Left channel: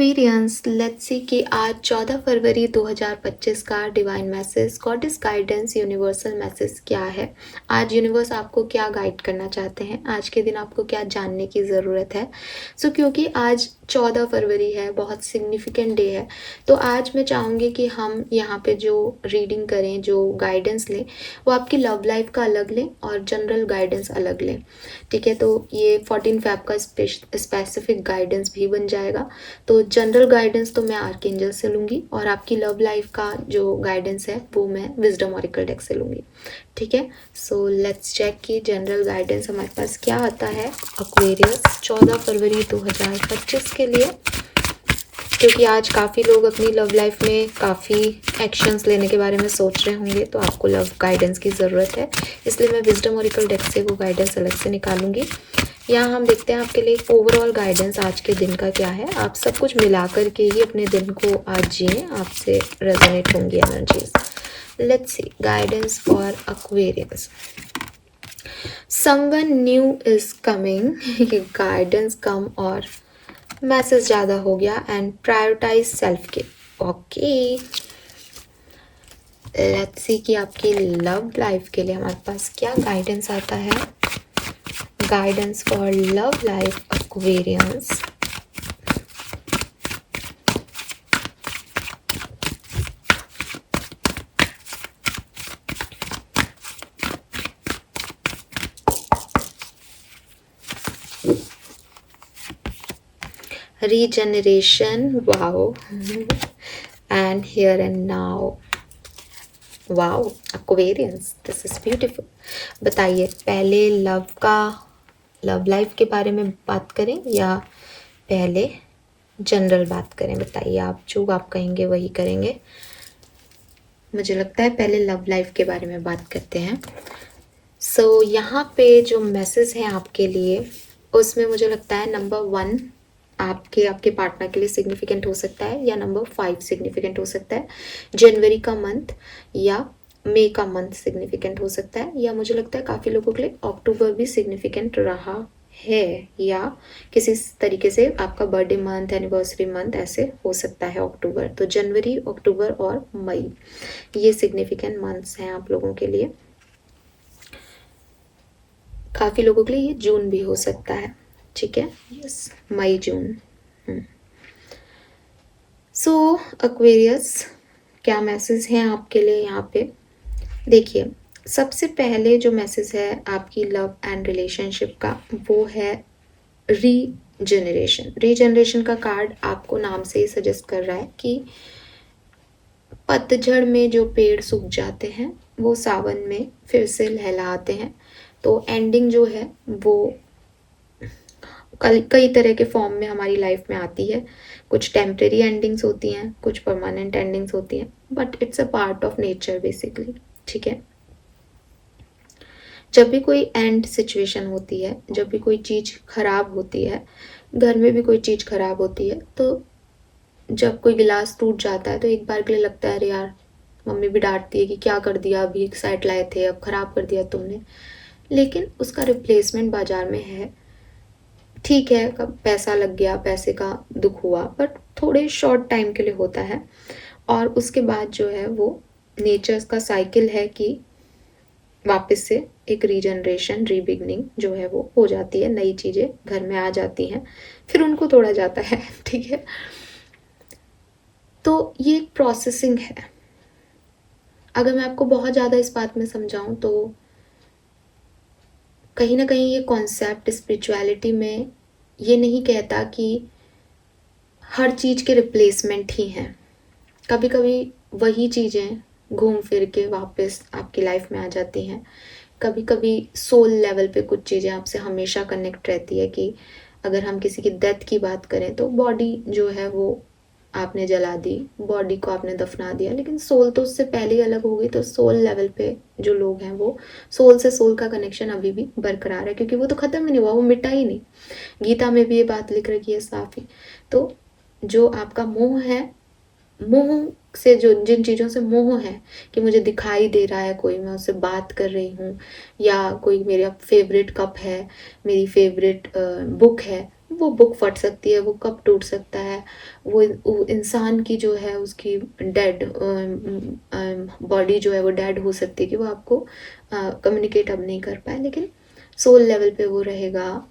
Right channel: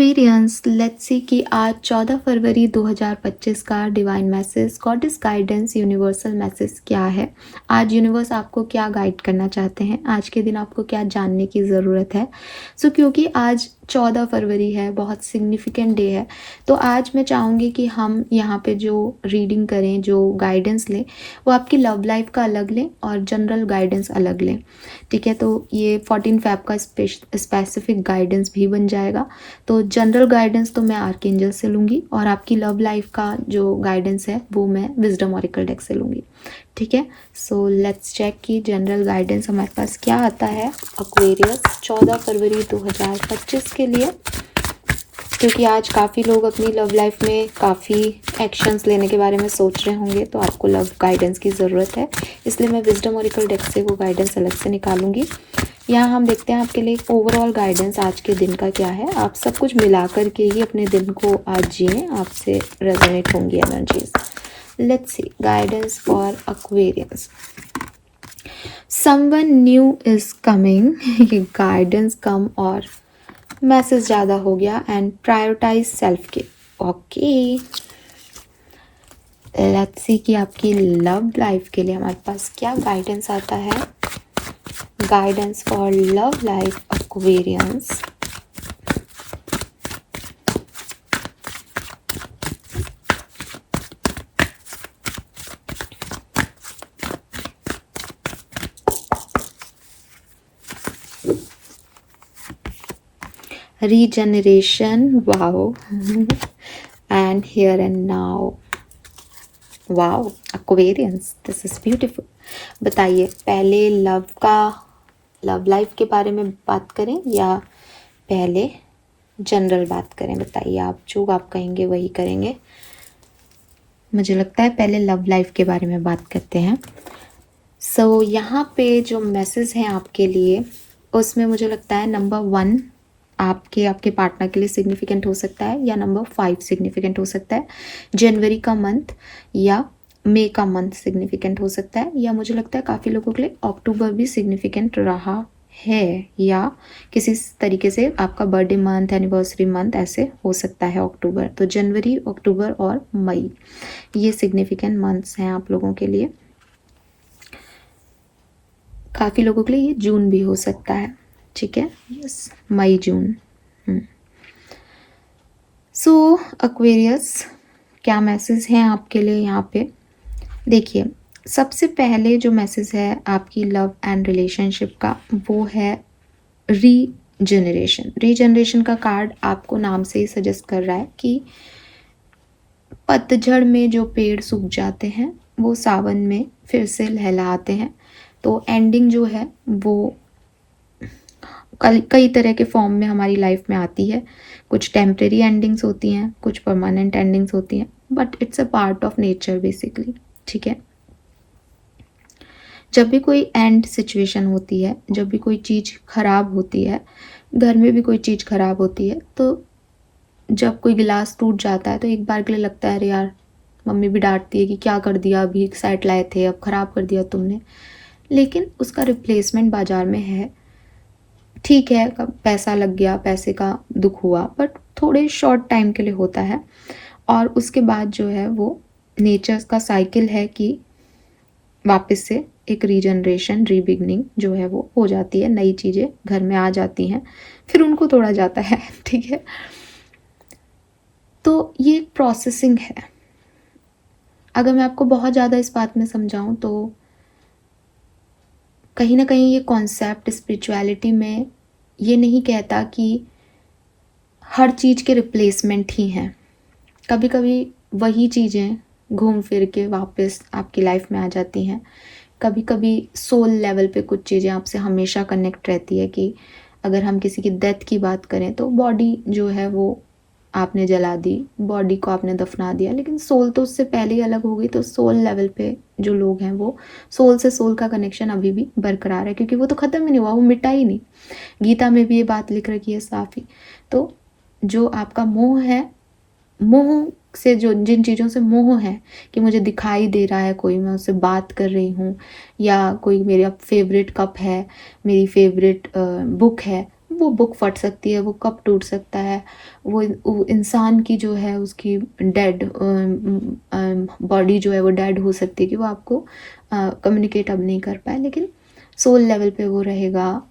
Aquarians, let's see कि आज 14 फरवरी 2025 का divine message, goddess guidance, universal message क्या है। आज यूनिवर्स आपको क्या गाइड करना चाहते हैं, आज के दिन आपको क्या जानने की ज़रूरत है। क्योंकि आज 14 फरवरी है, बहुत सिग्निफिकेंट डे है, तो आज मैं चाहूँगी कि हम यहाँ पे जो रीडिंग करें, जो गाइडेंस लें, वो आपकी लव लाइफ का अलग लें और जनरल गाइडेंस अलग लें। ठीक है, तो ये 14 फैब का स्पेसिफिक गाइडेंस भी बन जाएगा। तो जनरल गाइडेंस तो मैं आर्कएंजल से लूँगी और आपकी लव लाइफ का जो गाइडेंस है वो मैं विजडम ऑरेकल डेक से लूँगी। ठीक है, सो लेट्स चेक कि जनरल गाइडेंस हमारे पास क्या आता है एक्वेरियस 14 फरवरी 2025 के लिए। क्योंकि आज काफ़ी लोग अपनी लव लाइफ में काफ़ी एक्शंस लेने के बारे में सोच रहे होंगे, तो आपको लव गाइडेंस की ज़रूरत है, इसलिए मैं विजडम ऑरेकल डेक से वो गाइडेंस अलग से निकालूंगी। यहाँ हम देखते हैं आपके लिए ओवरऑल गाइडेंस आज के दिन का क्या है। आप सब कुछ मिला कर के ही अपने दिन को आज जिए, आपसे रेजोनेट होंगी energies. Let's see guidance for Aquarius. Someone new is coming, ये गाइडेंस कम और मैसेज ज़्यादा हो गया। एंड प्रायोरिटाइज सेल्फ के। ओके, लेट्स सी कि आपकी लव लाइफ के लिए हमारे पास क्या गाइडेंस आता है। Guidance for love life Aquarians. Regeneration, wow, and here and now, wow Aquarians, this is beautiful. बताइए, पहले लव लाइफ के बारे में बात करें या पहले जनरल बात करें? बताइए, आप जो आप कहेंगे वही करेंगे। मुझे लगता है पहले लव लाइफ के बारे में बात करते हैं। सो यहाँ पे जो मैसेज है आपके लिए, उसमें मुझे लगता है नंबर 1 आपके पार्टनर के लिए सिग्निफिकेंट हो सकता है, या नंबर 5 सिग्निफिकेंट हो सकता है। जनवरी का मंथ या मई का मंथ सिग्निफिकेंट हो सकता है, या मुझे लगता है काफ़ी लोगों के लिए अक्टूबर भी सिग्निफिकेंट रहा है, या किसी तरीके से आपका बर्थडे मंथ, एनिवर्सरी मंथ ऐसे हो सकता है अक्टूबर। तो जनवरी, अक्टूबर और मई, ये सिग्निफिकेंट मंथ्स हैं आप लोगों के लिए। काफ़ी लोगों के लिए ये जून भी हो सकता है। ठीक है, यस, मई जून। सो एक्वेरियस, क्या मैसेज हैं आपके लिए यहाँ पे? देखिए, सबसे पहले जो मैसेज है आपकी लव एंड रिलेशनशिप का, वो है रीजनरेशन। रीजनरेशन का कार्ड आपको नाम से ही सजेस्ट कर रहा है कि पतझड़ में जो पेड़ सूख जाते हैं वो सावन में फिर से लहलाते हैं। तो एंडिंग जो है वो कई तरह के फॉर्म में हमारी लाइफ में आती है। कुछ टेम्परेरी एंडिंग्स होती हैं, कुछ परमानेंट एंडिंग्स होती हैं, but it's a part of nature basically. ठीक है, जब भी कोई एंड सिचुएशन होती है, जब भी कोई चीज़ खराब होती है, घर में भी कोई चीज़ खराब होती है, तो जब कोई गिलास टूट जाता है तो एक बार के लिए लगता है अरे यार, मम्मी भी डांटती है कि क्या कर दिया, अभी एक सेट लाए थे, अब खराब कर दिया तुमने। लेकिन उसका रिप्लेसमेंट बाजार में है। ठीक है, पैसा लग गया, पैसे का दुख हुआ, बट थोड़े शॉर्ट टाइम के लिए होता है। और उसके बाद जो है वो नेचर का साइकिल है कि वापस से एक रीजनरेशन, रीबिगनिंग जो है वो हो जाती है, नई चीज़ें घर में आ जाती हैं, फिर उनको तोड़ा जाता है। ठीक है, तो ये एक प्रोसेसिंग है। अगर मैं आपको बहुत ज़्यादा इस बात में समझाऊं तो कहीं ना कहीं ये कॉन्सेप्ट स्पिरिचुअलिटी में ये नहीं कहता कि हर चीज़ के रिप्लेसमेंट ही हैं। कभी कभी वही चीज़ें घूम फिर के वापस आपकी लाइफ में आ जाती हैं। कभी कभी सोल लेवल पे कुछ चीज़ें आपसे हमेशा कनेक्ट रहती है कि अगर हम किसी की डेथ की बात करें तो बॉडी जो है वो आपने जला दी, बॉडी को आपने दफना दिया, लेकिन सोल तो उससे पहले ही अलग हो गई। तो सोल लेवल पे जो लोग हैं वो सोल से सोल का कनेक्शन अभी भी बरकरार है, क्योंकि वो तो ख़त्म ही नहीं हुआ, वो मिटा ही नहीं। गीता में भी ये बात लिख रखी है साफ ही। तो जो आपका मोह है, मोह से जो जिन चीज़ों से मोह है कि मुझे दिखाई दे रहा है कोई, मैं उससे बात कर रही हूँ, या कोई मेरा फेवरेट कप है, मेरी फेवरेट बुक है, वो बुक फट सकती है, वो कप टूट सकता है, वो इंसान की जो है उसकी डेड बॉडी जो है वो डेड हो सकती है कि वो आपको कम्युनिकेट अब नहीं कर पाए, लेकिन सोल लेवल पे वो रहेगा।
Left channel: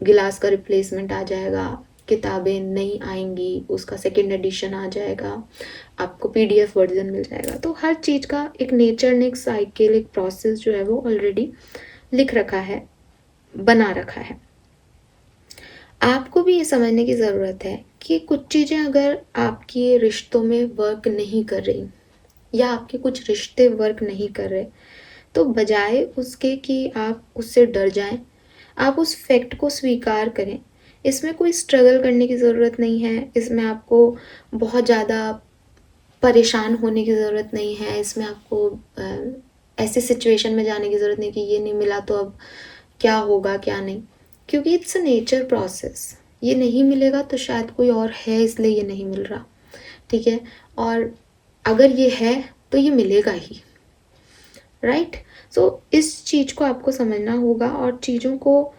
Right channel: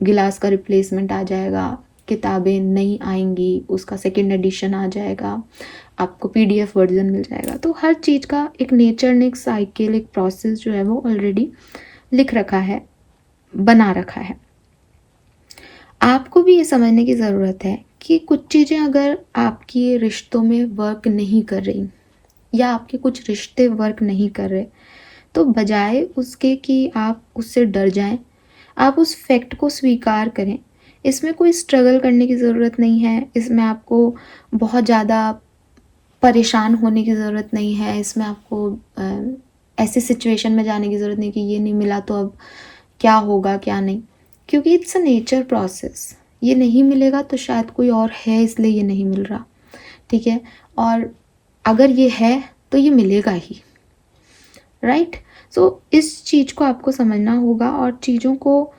गिलास का रिप्लेसमेंट आ जाएगा, किताबें नई आएंगी, उसका सेकेंड एडिशन आ जाएगा, आपको पीडीएफ वर्जन मिल जाएगा। तो हर चीज़ का एक नेचर ने एक साइकिल, एक प्रोसेस जो है वो ऑलरेडी लिख रखा है, बना रखा है। आपको भी ये समझने की ज़रूरत है कि कुछ चीज़ें अगर आपकी रिश्तों में वर्क नहीं कर रही या आपके कुछ रिश्ते वर्क नहीं कर रहे, तो बजाय उसके कि आप उससे डर जाएं, आप उस फैक्ट को स्वीकार करें। इसमें कोई स्ट्रगल करने की ज़रूरत नहीं है, इसमें आपको बहुत ज़्यादा परेशान होने की ज़रूरत नहीं है, इसमें आपको ऐसी सिचुएशन में जाने की ज़रूरत नहीं कि ये नहीं मिला तो अब क्या होगा क्या नहीं, क्योंकि इट्स अ नेचर प्रोसेस। ये नहीं मिलेगा तो शायद कोई और है इसलिए ये नहीं मिल रहा, ठीक है। और अगर ये है तो ये मिलेगा ही, राइट। सो इस चीज़ को आपको समझना होगा, और चीज़ों को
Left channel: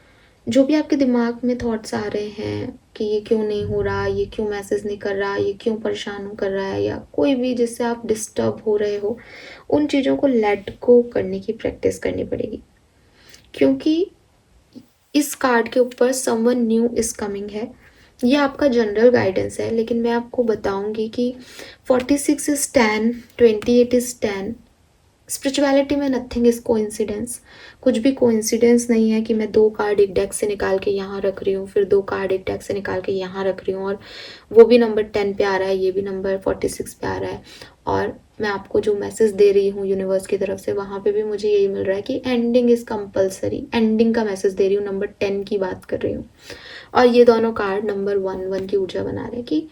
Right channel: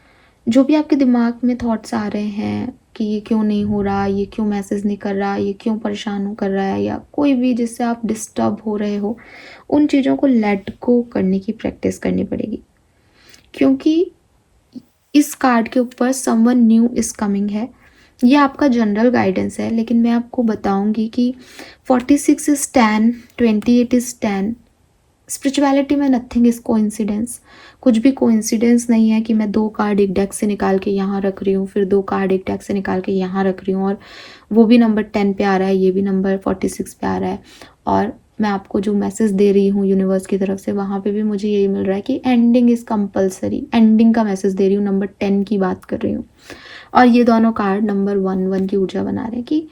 जो भी आपके दिमाग में थॉट्स आ रहे हैं कि ये क्यों नहीं हो रहा, ये क्यों मैसेज नहीं कर रहा, ये क्यों परेशान कर रहा है, या कोई भी जिससे आप डिस्टर्ब हो रहे हो, उन चीज़ों को लेट गो करने की प्रैक्टिस करनी पड़ेगी। क्योंकि इस कार्ड के ऊपर समवन न्यू इज कमिंग है, ये आपका जनरल गाइडेंस है, लेकिन मैं आपको बताऊंगी कि 46 इज 10, 28 इज 10। स्पिरिचुअलिटी में नथिंग इज कोइंसिडेंस, कुछ भी कोइंसिडेंस नहीं है कि मैं 2 कार्ड एक डेक से निकाल के यहाँ रख रही हूँ, फिर 2 कार्ड एक डेक से निकाल के यहाँ रख रही हूँ, और वो भी नंबर 10 पे आ रहा है, ये भी नंबर 46 पे आ रहा है, और मैं आपको जो मैसेज दे रही हूँ यूनिवर्स की तरफ से वहाँ पे भी मुझे यही मिल रहा है कि एंडिंग इज़ कंपलसरी, एंडिंग का मैसेज दे रही हूँ, नंबर 10 की बात कर रही हूँ। और ये दोनों कार्ड नंबर 1 की ऊर्जा बना रहे हैं कि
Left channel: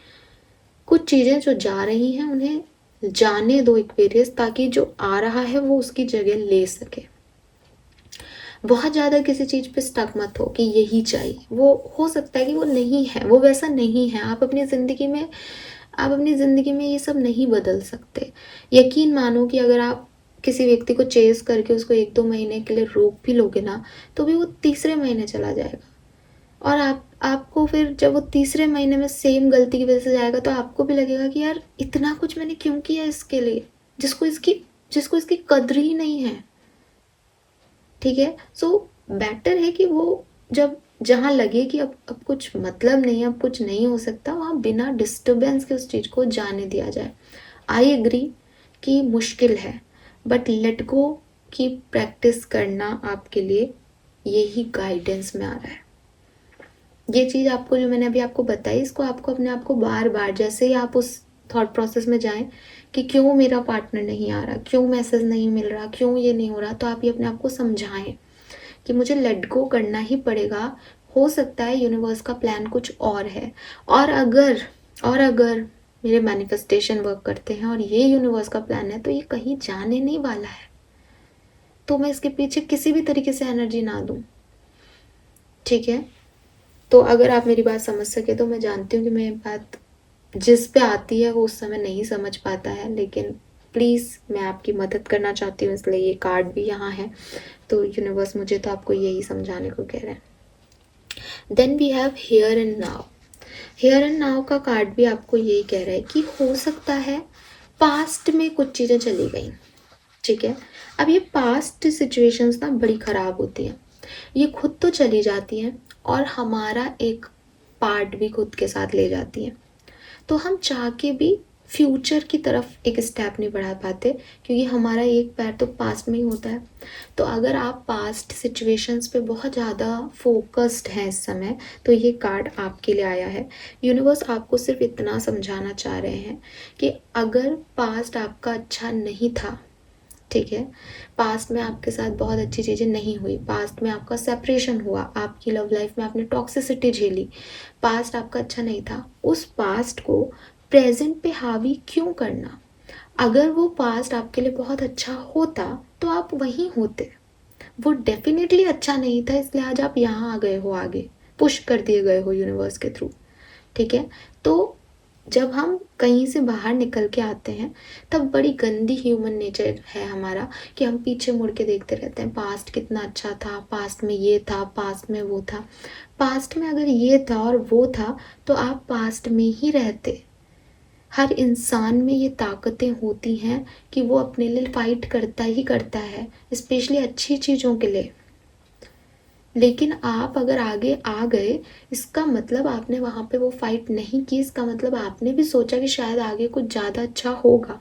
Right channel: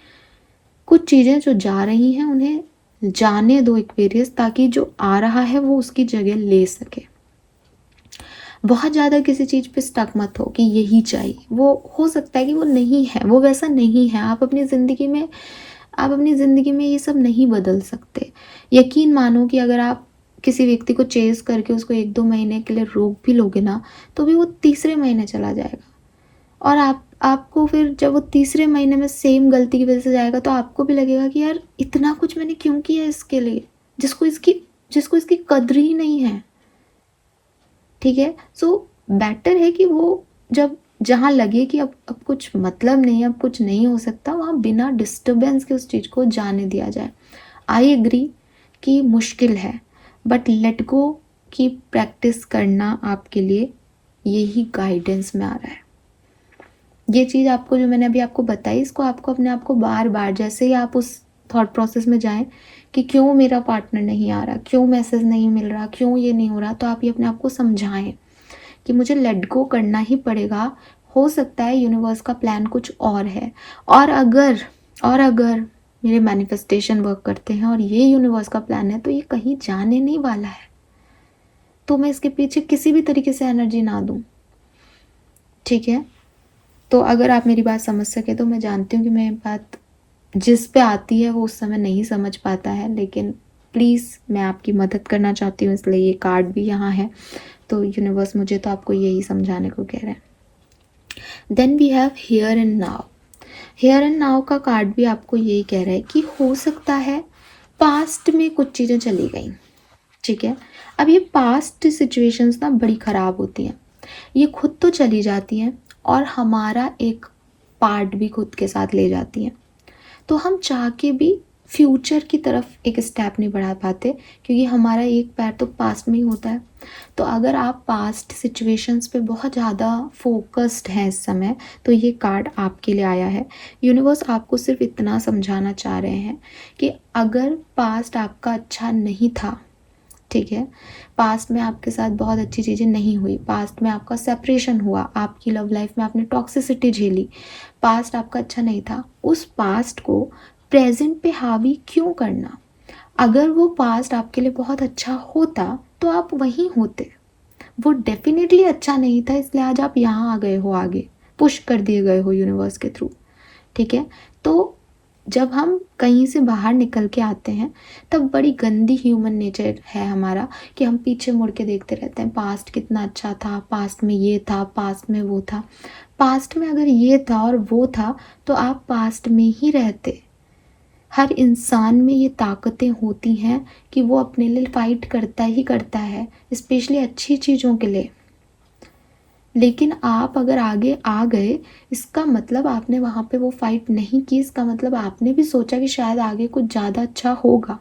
कुछ चीज़ें जो जा रही हैं उन्हें जाने दो एक्वेरियस, ताकि जो आ रहा है वो उसकी जगह ले सके। बहुत ज़्यादा किसी चीज़ पे स्टक मत हो कि यही चाहिए, वो हो सकता है कि वो नहीं है, वो वैसा नहीं है। आप अपनी ज़िंदगी में ये सब नहीं बदल सकते। यकीन मानो कि अगर आप किसी व्यक्ति को चेस करके उसको 1-2 महीने के लिए रोक भी लोगे ना, तो भी वो तीसरे महीने चला जाएगा, और आपको फिर जब वो तीसरे महीने में सेम गलती की वजह से जाएगा तो आपको भी लगेगा कि यार इतना कुछ मैंने क्यों किया इसके लिए, जिसको इसकी कद्र ही नहीं है, ठीक है। सो बेटर है कि वो जब जहाँ लगे कि अब कुछ मतलब नहीं, अब कुछ नहीं हो सकता, वहाँ बिना डिस्टर्बेंस के उस चीज़ को जाने दिया जाए। आई एग्री कि मुश्किल है, बट लेट गो की प्रैक्टिस करना आपके लिए यही गाइडेंस में आ रहा है। ये चीज़ आपको जो मैंने अभी आपको बताई, इसको आपको अपने आप को बार बार, जैसे ही आप उस थॉट प्रोसेस में जाएं कि क्यों मेरा पार्टनर नहीं आ रहा, क्यों मैसेज नहीं मिल रहा, क्यों ये नहीं हो रहा, तो आप ये अपने आप को समझाएं कि मुझे लेट गो करना ही पड़ेगा। हो सकता है यूनिवर्स का प्लान कुछ और है, और अगर मेरे मैनिफेस्टेशन वर्क करते हैं और ये यूनिवर्स का प्लान है, तो ये कहीं जाने नहीं वाला है, तो मैं इसके पीछे किसी भी तरीके से एनर्जी ना दूं, ठीक है। तो अगर आप मेरी बात समझ सके, तो मैं जानती हूँ कि मेरी बात जिस पे आती है वो उस समय नहीं समझ पाता है, लेकिन प्लीज़ मैं आपकी मदद करना चाहती हूँ, इसलिए ये कार्ड भी यहाँ है। तो यूनिवर्स मुझे तो आपको यही समझाने को कह रहे हैं। Then we have here and now. Here and now का कार्ड भी आपको यही कह रहा है कि हो सकता है पास्ट में कुछ चीज़ें चली गई, ठीक है। अब ये पास्ट सिचुएशंस ना बड़ी ख़राब होती हैं, ये खुद तो चली जाती हैं और हमारा एक पार्ट भी खुद के साथ ले जाती हैं। तो हम चाह के भी फ्यूचर की तरफ एक स्टेप नहीं बढ़ा पाते, क्योंकि हमारा एक पैर तो पास्ट में ही होता है। तो अगर आप पास्ट सिचुएशंस पे बहुत ज़्यादा फोकस्ड हैं इस समय, तो ये कार्ड आपके लिए आया है। यूनिवर्स आपको सिर्फ इतना समझाना चाह रहे हैं कि अगर पास्ट आपका अच्छा नहीं था, ठीक है, पास्ट में आपके साथ बहुत अच्छी चीज़ें नहीं हुई, पास्ट में आपका सेपरेशन हुआ, आपकी लव लाइफ में आपने टॉक्सिसिटी झेली, पास्ट आपका अच्छा नहीं था, उस पास्ट को प्रेजेंट पे हावी क्यों करना। अगर वो पास्ट आपके लिए बहुत अच्छा होता तो आप वहीं होते। वो डेफिनेटली अच्छा नहीं था, इसलिए आज आप यहाँ आ गए हो, आगे पुश कर दिए गए हो यूनिवर्स के थ्रू, ठीक है। तो जब हम कहीं से बाहर निकल के आते हैं, तब बड़ी गंदी ह्यूमन नेचर है हमारा कि हम पीछे मुड़ के देखते रहते हैं, पास्ट कितना अच्छा था, पास्ट में ये था, पास्ट में वो था। पास्ट में अगर ये था और वो था तो आप पास्ट में ही रहते। हर इंसान में ये ताकतें होती हैं कि वो अपने लिए फाइट करता ही करता है, स्पेशली अच्छी चीज़ों के लिए। लेकिन आप अगर आगे आ गए, इसका मतलब आपने वहाँ पे वो फाइट नहीं की, इसका मतलब आपने भी सोचा कि शायद आगे कुछ ज़्यादा अच्छा होगा।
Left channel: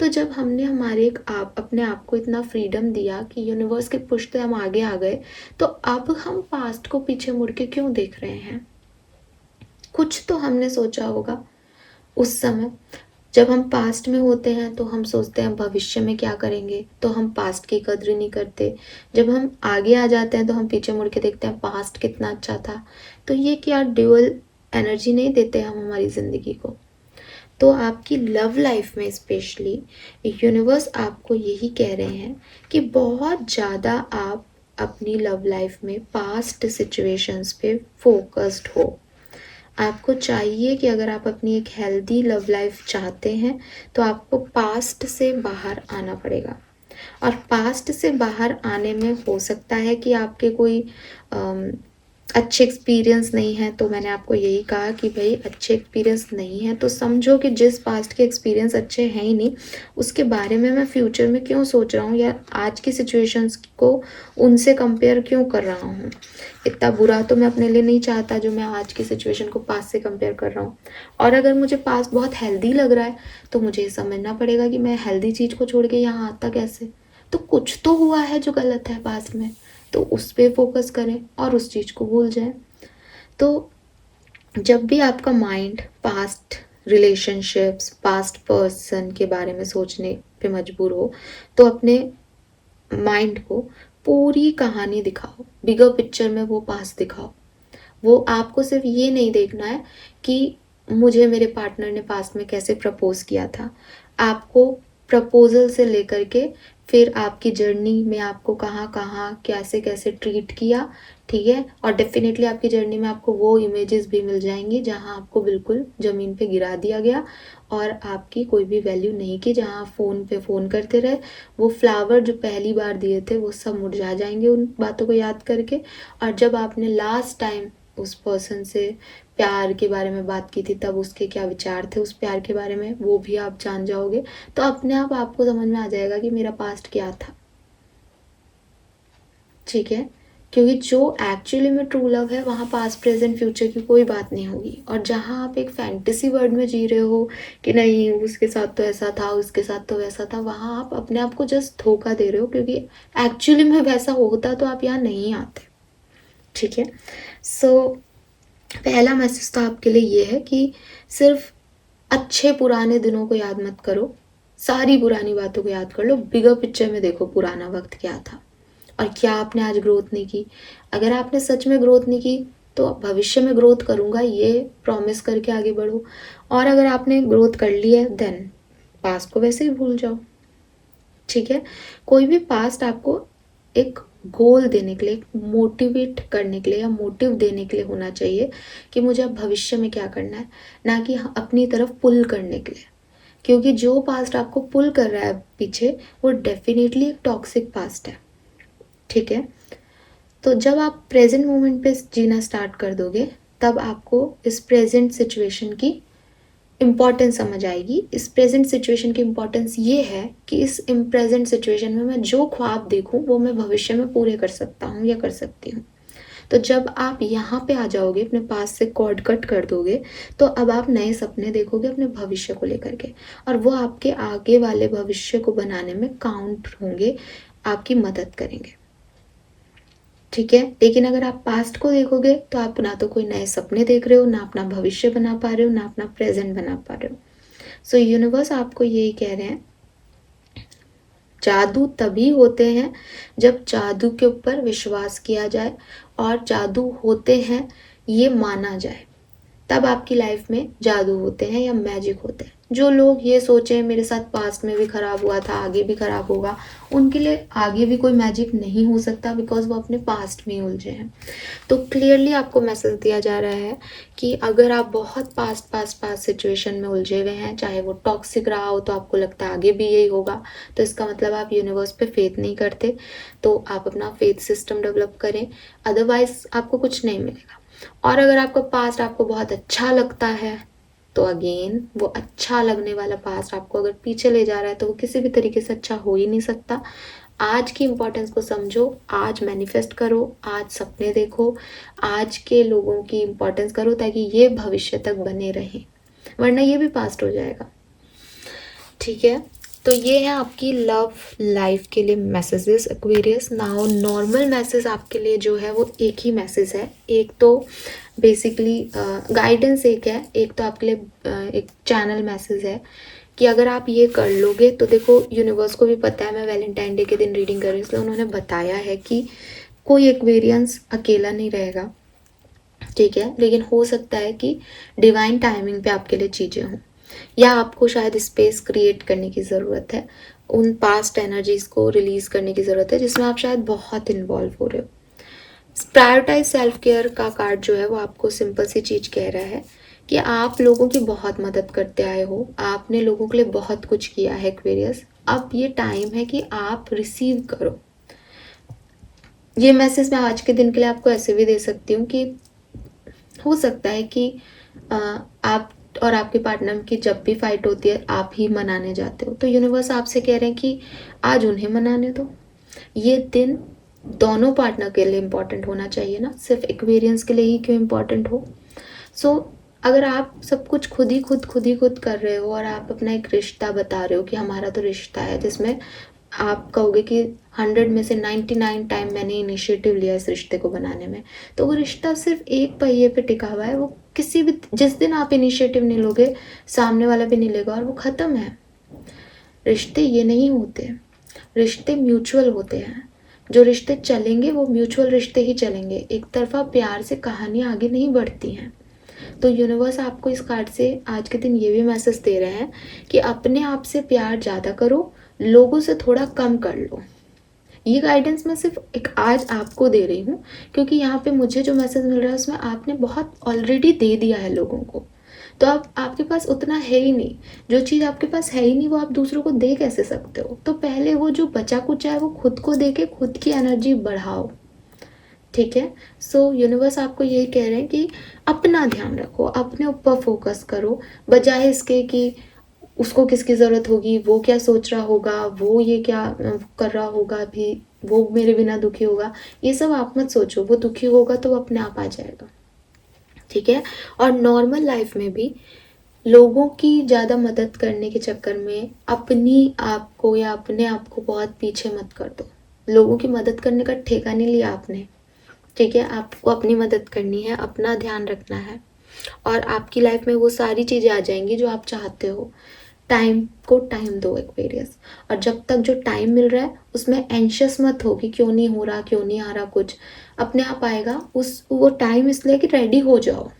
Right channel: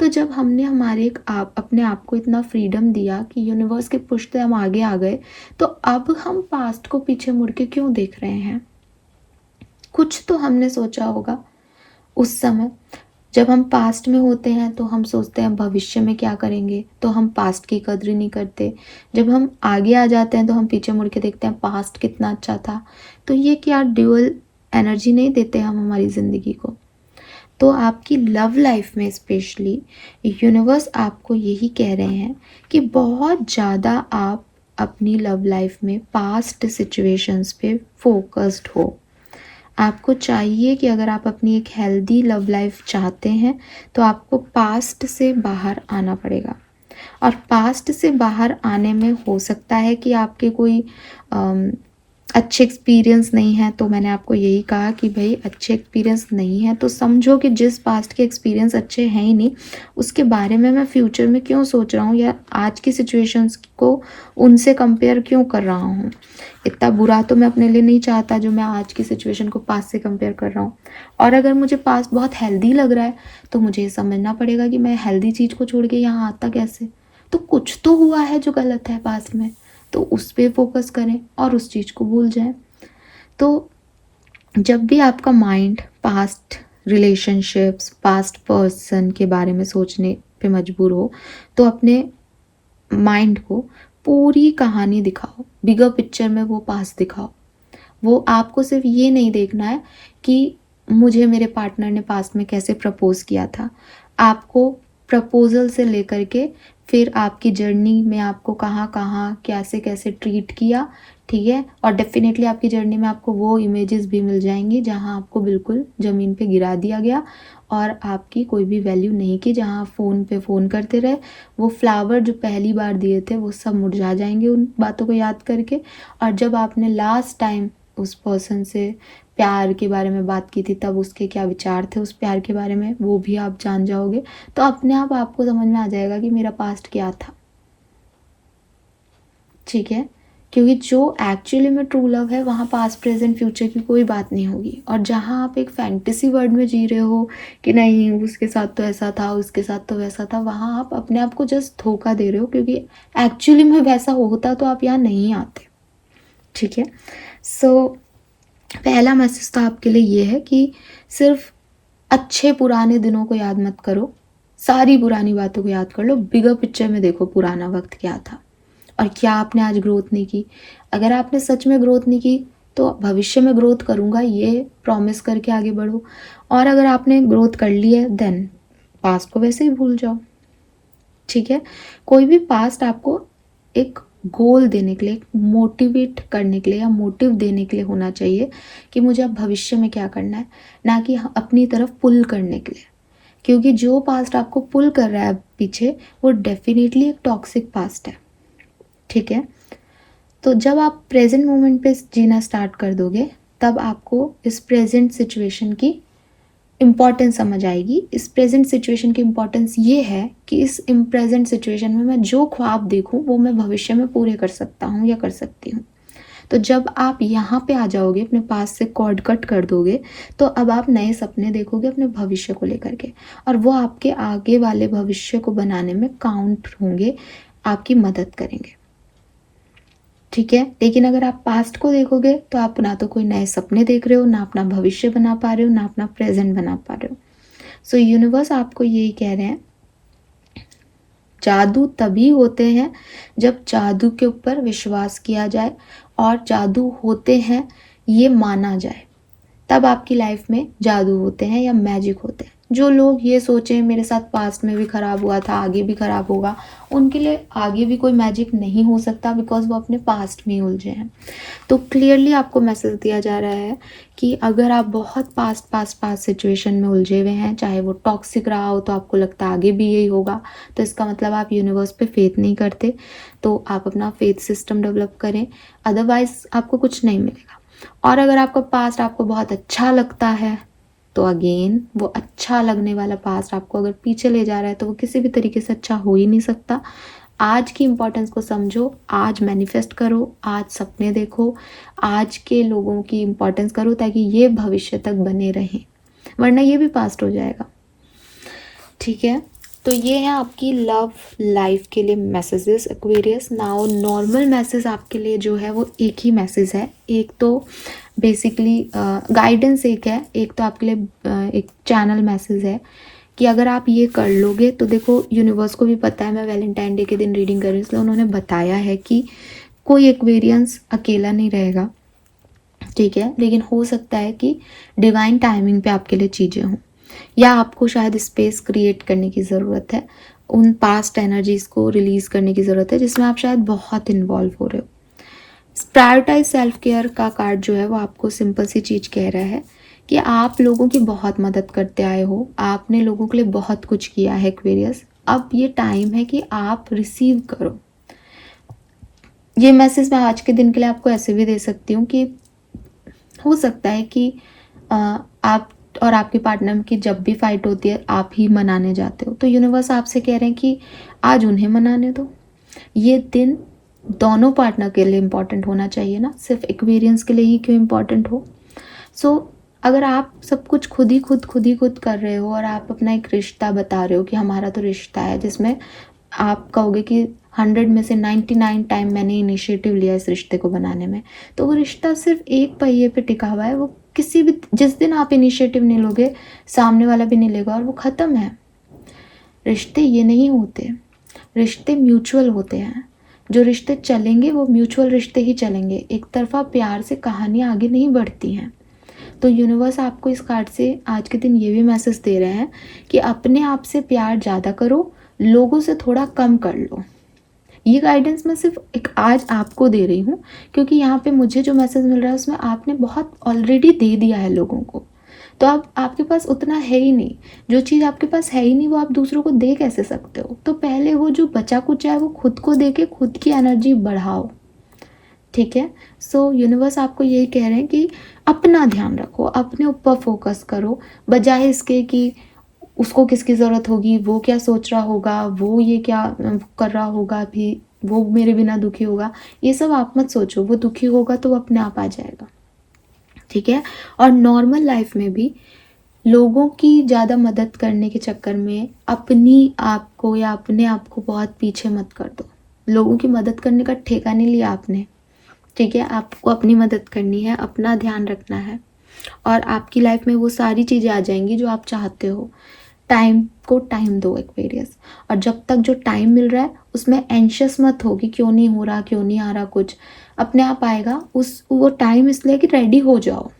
तो जब हमने हमारे अपने आप को इतना फ्रीडम दिया कि यूनिवर्स के पुश से हम आगे आ गए, तो अब हम पास्ट को पीछे मुड़ के क्यों देख रहे हैं? कुछ तो हमने सोचा होगा उस समय। जब हम पास्ट में होते हैं तो हम सोचते हैं भविष्य में क्या करेंगे, तो हम पास्ट की कद्र नहीं करते। जब हम आगे आ जाते हैं तो हम पीछे मुड़ के देखते हैं पास्ट कितना अच्छा था। तो ये क्या ड्यूअल एनर्जी नहीं देते हम हमारी ज़िंदगी को? तो आपकी लव लाइफ में स्पेशली यूनिवर्स आपको यही कह रहे हैं कि बहुत ज़्यादा आप अपनी लव लाइफ में पास्ट सिचुएशंस पे फोकस्ड हो। आपको चाहिए कि अगर आप अपनी एक हेल्दी लव लाइफ चाहते हैं तो आपको पास्ट से बाहर आना पड़ेगा। और पास्ट से बाहर आने में हो सकता है कि आपके कोई अच्छे एक्सपीरियंस नहीं है। तो मैंने आपको यही कहा कि भाई अच्छे एक्सपीरियंस नहीं है तो समझो कि जिस पास्ट के एक्सपीरियंस अच्छे हैं ही नहीं, उसके बारे में मैं फ्यूचर में क्यों सोच रहा हूँ या आज की सिचुएशंस को उनसे कंपेयर क्यों कर रहा हूँ। इतना बुरा तो मैं अपने लिए नहीं चाहता जो मैं आज की सिचुएशन को पास्ट से कंपेयर कर रहा हूँ। और अगर मुझे पास्ट बहुत हेल्दी लग रहा है तो मुझे ये समझना पड़ेगा कि मैं हेल्दी चीज़ को छोड़ के यहाँ आता कैसे। तो कुछ तो हुआ है जो गलत है पास्ट में, तो उस पर फोकस करें और उस चीज़ को भूल जाएं। तो जब भी आपका mind past relationships, past person के बारे में सोचने पे मजबूर हो, तो अपने माइंड को पूरी कहानी दिखाओ, बिगर पिक्चर में वो पास्ट दिखाओ। वो आपको सिर्फ ये नहीं देखना है कि मुझे मेरे पार्टनर ने पास्ट में कैसे प्रपोज किया था। आपको प्रपोजल से लेकर के फिर आपकी जर्नी में आपको कहाँ कहाँ कैसे कैसे ट्रीट किया, ठीक है। और डेफिनेटली आपकी जर्नी में आपको वो इमेजेस भी मिल जाएंगी जहाँ आपको बिल्कुल ज़मीन पे गिरा दिया गया और आपकी कोई भी वैल्यू नहीं की, जहाँ फ़ोन पे फ़ोन करते रहे। वो फ्लावर जो पहली बार दिए थे वो सब मुरझा जाएंगे उन बातों को याद करके। और जब आपने लास्ट टाइम उस पर्सन से प्यार के बारे में बात की थी तब उसके क्या विचार थे उस प्यार के बारे में, वो भी आप जान जाओगे। तो अपने आप आपको समझ में आ जाएगा कि मेरा पास्ट क्या था, ठीक है। क्योंकि जो एक्चुअली में ट्रू लव है वहाँ पास्ट प्रेजेंट फ्यूचर की कोई बात नहीं होगी। और जहाँ आप एक फैंटेसी वर्ल्ड में जी रहे हो कि नहीं उसके साथ तो ऐसा था, उसके साथ तो वैसा था, वहाँ आप अपने आप को जस्ट धोखा दे रहे हो, क्योंकि एक्चुअली में वैसा होता तो आप यहाँ नहीं आते, ठीक है। सो पहला मैसेज तो आपके लिए ये है कि सिर्फ अच्छे पुराने दिनों को याद मत करो, सारी पुरानी बातों को याद कर लो, बिगर पिक्चर में देखो पुराना वक्त क्या था और क्या आपने आज ग्रोथ नहीं की। अगर आपने सच में ग्रोथ नहीं की तो भविष्य में ग्रोथ करूँगा ये प्रॉमिस करके आगे बढ़ो। और अगर आपने ग्रोथ कर ली है देन पास्ट को वैसे ही भूल जाओ, ठीक है। कोई भी पास्ट आपको एक गोल देने के लिए, मोटिवेट करने के लिए या मोटिव देने के लिए होना चाहिए कि मुझे अब भविष्य में क्या करना है, ना कि अपनी तरफ पुल करने के लिए। क्योंकि जो पास्ट आपको पुल कर रहा है पीछे वो डेफिनेटली एक टॉक्सिक पास्ट है, ठीक है। तो जब आप प्रेजेंट मोमेंट पे जीना स्टार्ट कर दोगे तब आपको इस प्रेजेंट सिचुएशन की इम्पॉर्टेंस समझ आएगी। इस प्रेजेंट सिचुएशन की इम्पॉर्टेंस ये है कि इस प्रेजेंट सिचुएशन में मैं जो ख्वाब देखूं वो मैं भविष्य में पूरे कर सकता हूँ या कर सकती हूँ। तो जब आप यहाँ पे आ जाओगे, अपने पास से कॉर्ड कट कर दोगे, तो अब आप नए सपने देखोगे अपने भविष्य को लेकर के, और वो आपके आगे वाले भविष्य को बनाने में काउंट होंगे, आपकी मदद करेंगे, ठीक है। लेकिन अगर आप पास्ट को देखोगे तो आप ना तो कोई नए सपने देख रहे हो, ना अपना भविष्य बना पा रहे हो, ना अपना प्रेजेंट बना पा रहे हो। सो यूनिवर्स आपको यही कह रहे हैं, जादू तभी होते हैं जब जादू के ऊपर विश्वास किया जाए और जादू होते हैं ये माना जाए, तब आपकी लाइफ में जादू होते हैं या मैजिक होते हैं। जो लोग ये सोचें मेरे साथ पास्ट में भी खराब हुआ था आगे भी खराब होगा, उनके लिए आगे भी कोई मैजिक नहीं हो सकता, बिकॉज वो अपने पास्ट में ही उलझे हैं। तो क्लियरली आपको मैसेज दिया जा रहा है कि अगर आप बहुत पास्ट सिचुएशन में उलझे हुए हैं, चाहे वो टॉक्सिक रहा हो तो आपको लगता है आगे भी यही होगा, तो इसका मतलब आप यूनिवर्स पे फेथ नहीं करते। तो आप अपना फेथ सिस्टम डेवलप करें, अदरवाइज आपको कुछ नहीं मिलेगा। और अगर आपका पास्ट आपको बहुत अच्छा लगता है तो अगेन वो अच्छा लगने वाला पास्ट आपको अगर पीछे ले जा रहा है तो वो किसी भी तरीके से अच्छा हो ही नहीं सकता। आज की इम्पोर्टेंस को समझो, आज मैनिफेस्ट करो, आज सपने देखो, आज के लोगों की इम्पोर्टेंस करो ताकि ये भविष्य तक बने रहें, वरना ये भी पास्ट हो जाएगा। ठीक है, तो ये है आपकी लव लाइफ के लिए messages Aquarius. Now normal message आपके लिए जो है वो एक ही मैसेज है। एक तो बेसिकली गाइडेंस एक तो आपके लिए एक चैनल मैसेज है कि अगर आप ये कर लोगे तो देखो यूनिवर्स को भी पता है, मैं वैलेंटाइन डे के दिन रीडिंग कर रही हूँ इसलिए उन्होंने बताया है कि कोई एक्वेरियंस अकेला नहीं रहेगा। ठीक है, लेकिन हो सकता है कि डिवाइन टाइमिंग पे आपके लिए चीज़ें हों, या आपको शायद स्पेस क्रिएट करने की ज़रूरत है, उन पास्ट एनर्जीज़ को रिलीज़ करने की ज़रूरत है जिसमें आप शायद बहुत इन्वॉल्व हो रहे हो। प्रायोरिटाइज सेल्फ केयर का कार्ड जो है वो आपको सिंपल सी चीज़ कह रहा है कि आप लोगों की बहुत मदद करते आए हो, आपने लोगों के लिए बहुत कुछ किया है एक्वेरियस, अब ये टाइम है कि आप रिसीव करो। ये मैसेज मैं आज के दिन के लिए आपको ऐसे भी दे सकती हूँ कि हो सकता है कि आप और आपके पार्टनर की जब भी फाइट होती है आप ही मनाने जाते हो, तो यूनिवर्स आपसे कह रहे हैं कि आज उन्हें मनाने दो। ये दिन दोनों पार्टनर के लिए इम्पॉर्टेंट होना चाहिए ना, सिर्फ एक्वेरियंस के लिए ही क्यों इम्पॉर्टेंट हो। सो अगर आप सब कुछ खुद ही खुद कर रहे हो और आप अपना एक रिश्ता बता रहे हो कि हमारा तो रिश्ता है, जिसमें आप कहोगे कि 100 में से 99 टाइम मैंने इनिशिएटिव लिया इस रिश्ते को बनाने में, तो वो रिश्ता सिर्फ एक पहिए पे टिका हुआ है। वो किसी भी जिस दिन आप इनिशिएटिव नहीं लोगे सामने वाला भी नहीं लेगा और वो ख़त्म है। रिश्ते ये नहीं होते, रिश्ते म्यूचुअल होते हैं। जो रिश्ते चलेंगे वो म्यूचुअल रिश्ते ही चलेंगे, एक तरफा प्यार से कहानियाँ आगे नहीं बढ़ती हैं। तो यूनिवर्स आपको इस कार्ड से आज के दिन ये भी मैसेज दे रहे हैं कि अपने आप से प्यार ज़्यादा करो, लोगों से थोड़ा कम कर लो। ये गाइडेंस मैं सिर्फ एक आज आपको दे रही हूँ क्योंकि यहाँ पे मुझे जो मैसेज मिल रहा है उसमें आपने बहुत ऑलरेडी दे दिया है लोगों को, तो आप आपके पास उतना है ही नहीं। जो चीज़ आपके पास है ही नहीं वो आप दूसरों को दे कैसे सकते हो, तो पहले वो जो बचा कुचा है वो खुद को दे के खुद की एनर्जी बढ़ाओ। ठीक है, सो यूनिवर्स आपको यही कह रहे हैं कि अपना ध्यान रखो, अपने ऊपर फोकस करो, बजाय इसके कि उसको किसकी ज़रूरत होगी, वो क्या सोच रहा होगा, वो ये क्या कर रहा होगा, भी वो मेरे बिना दुखी होगा, ये सब आप मत सोचो। वो दुखी होगा तो वो अपने आप आ जाएगा। ठीक है, और नॉर्मल लाइफ में भी लोगों की ज़्यादा मदद करने के चक्कर में अपनी आप को या अपने आप को बहुत पीछे मत कर दो। लोगों की मदद करने का ठेका नहीं लिया आपने। ठीक है, आपको अपनी मदद करनी है, अपना ध्यान रखना है और आपकी लाइफ में वो सारी चीज़ें आ जाएंगी जो आप चाहते हो। टाइम को टाइम दो एक्वेरियस, और जब तक जो टाइम मिल रहा है उसमें एंशियस मत हो कि क्यों नहीं हो रहा, क्यों नहीं आ रहा, कुछ अपने आप आएगा। वो टाइम इसलिए कि रेडी हो जाओ।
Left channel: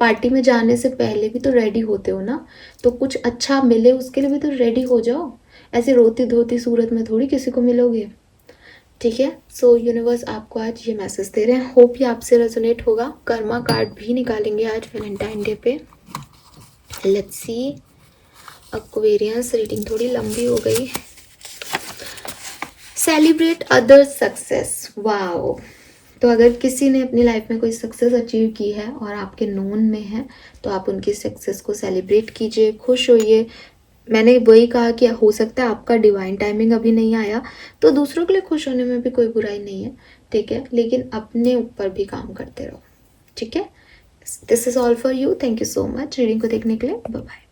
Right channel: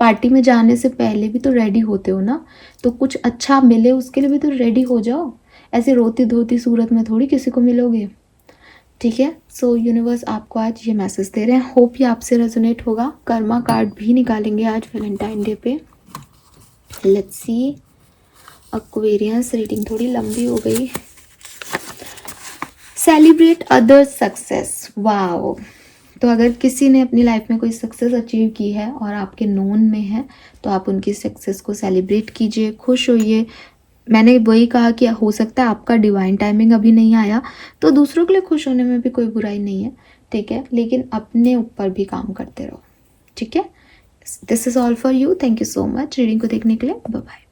पार्टी में जाने से पहले भी तो रेडी होते हो ना, तो कुछ अच्छा मिले उसके लिए भी तो रेडी हो जाओ। ऐसे रोती धोती सूरत में थोड़ी किसी को मिलोगे। ठीक है, सो यूनिवर्स आपको आज ये मैसेज दे रहे हैं, होप ये आपसे रेजोनेट होगा। कर्मा कार्ड भी निकालेंगे आज वैलेंटाइन डे पे। लेट्स सी एक्वेरियस, रीडिंग थोड़ी लंबी हो गई। Celebrate other success, wow. तो अगर किसी ने अपनी लाइफ में कोई सक्सेस अचीव की है और आपके नोन में है तो आप उनकी सक्सेस को सेलिब्रेट कीजिए, खुश होइए। मैंने वही कहा कि हो सकता है आपका डिवाइन टाइमिंग अभी नहीं आया, तो दूसरों के लिए खुश होने में भी कोई बुराई नहीं है। ठीक है, लेकिन अपने ऊपर भी काम करते रहो। ठीक है, this is all for you. Thank you so much reading को देखने के लिए। Bye bye.